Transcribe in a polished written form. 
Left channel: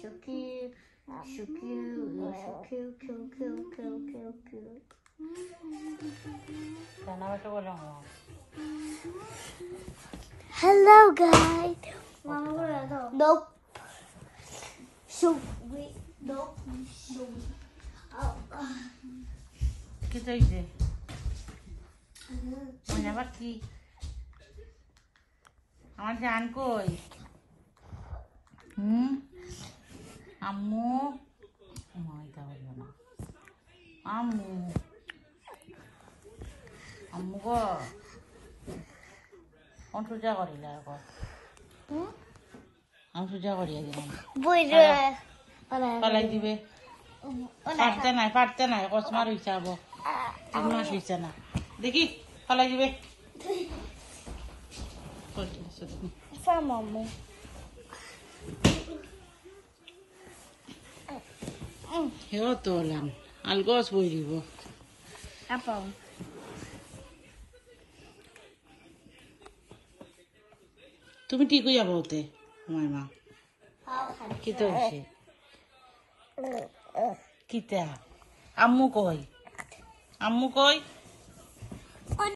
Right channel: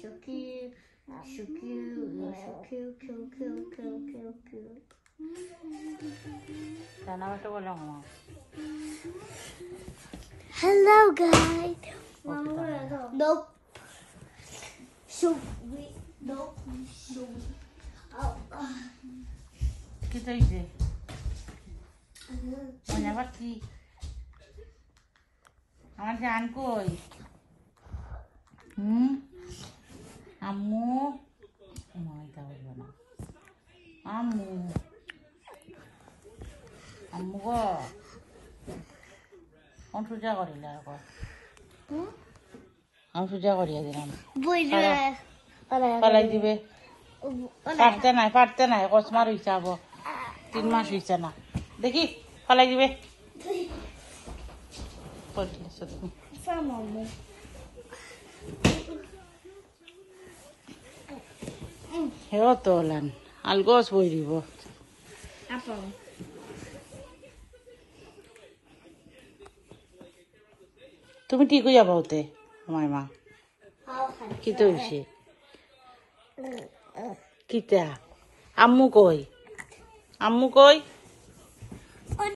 so cute. So cute. You're so cute, cute, cute, cute, cute, cute. Hello, guys. Mama, where are those? Nope. Shoot. Nope. Shoot. Oh. ¿Qué te dice? Mañana aquí. আমার জান কই আম্মু মাইটা বলবো না আম্মু আম্মু গো অন্তর্জা করি না এখন অন্তর্জা করিয়া দিলাম বুঝলে পালাই দিবে পারতে নাই কসমার হইছে আবো 3 মাস হইছে না দেখি পালাই দিবে Famami. Hewa tolan. Algos boy dibo. Apa? তুমি ঠিক হইয়া বলতে আমার মা কি তো হইছে কিতা আম্মু কই